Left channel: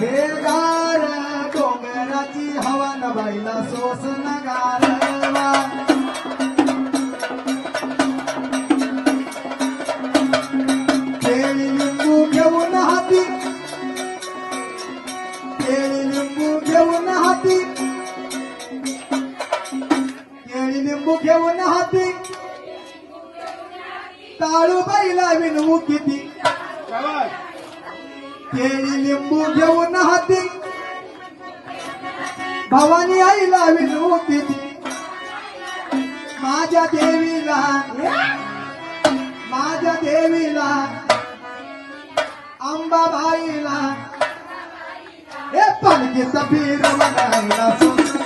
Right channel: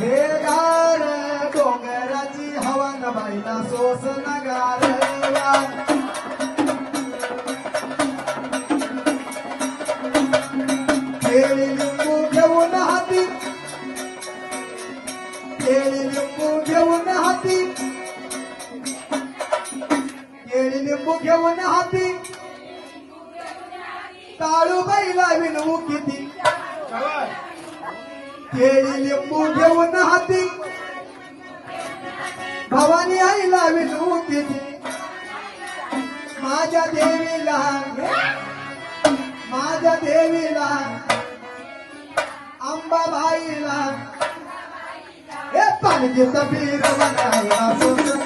हे गार डोंगराची हवन बाईला सोसन गारवा केळी लिंबू घेऊन हाती केळी लिंबू घेऊन हाती केळी लिंबू घेऊन हाती ताळूबाईला विनवू किती केळी लिंबू घेऊन हाती भवानी आईला विनवू किती माझ्या देवीला अंबाबाईला हे पालखीचा पीर बनायला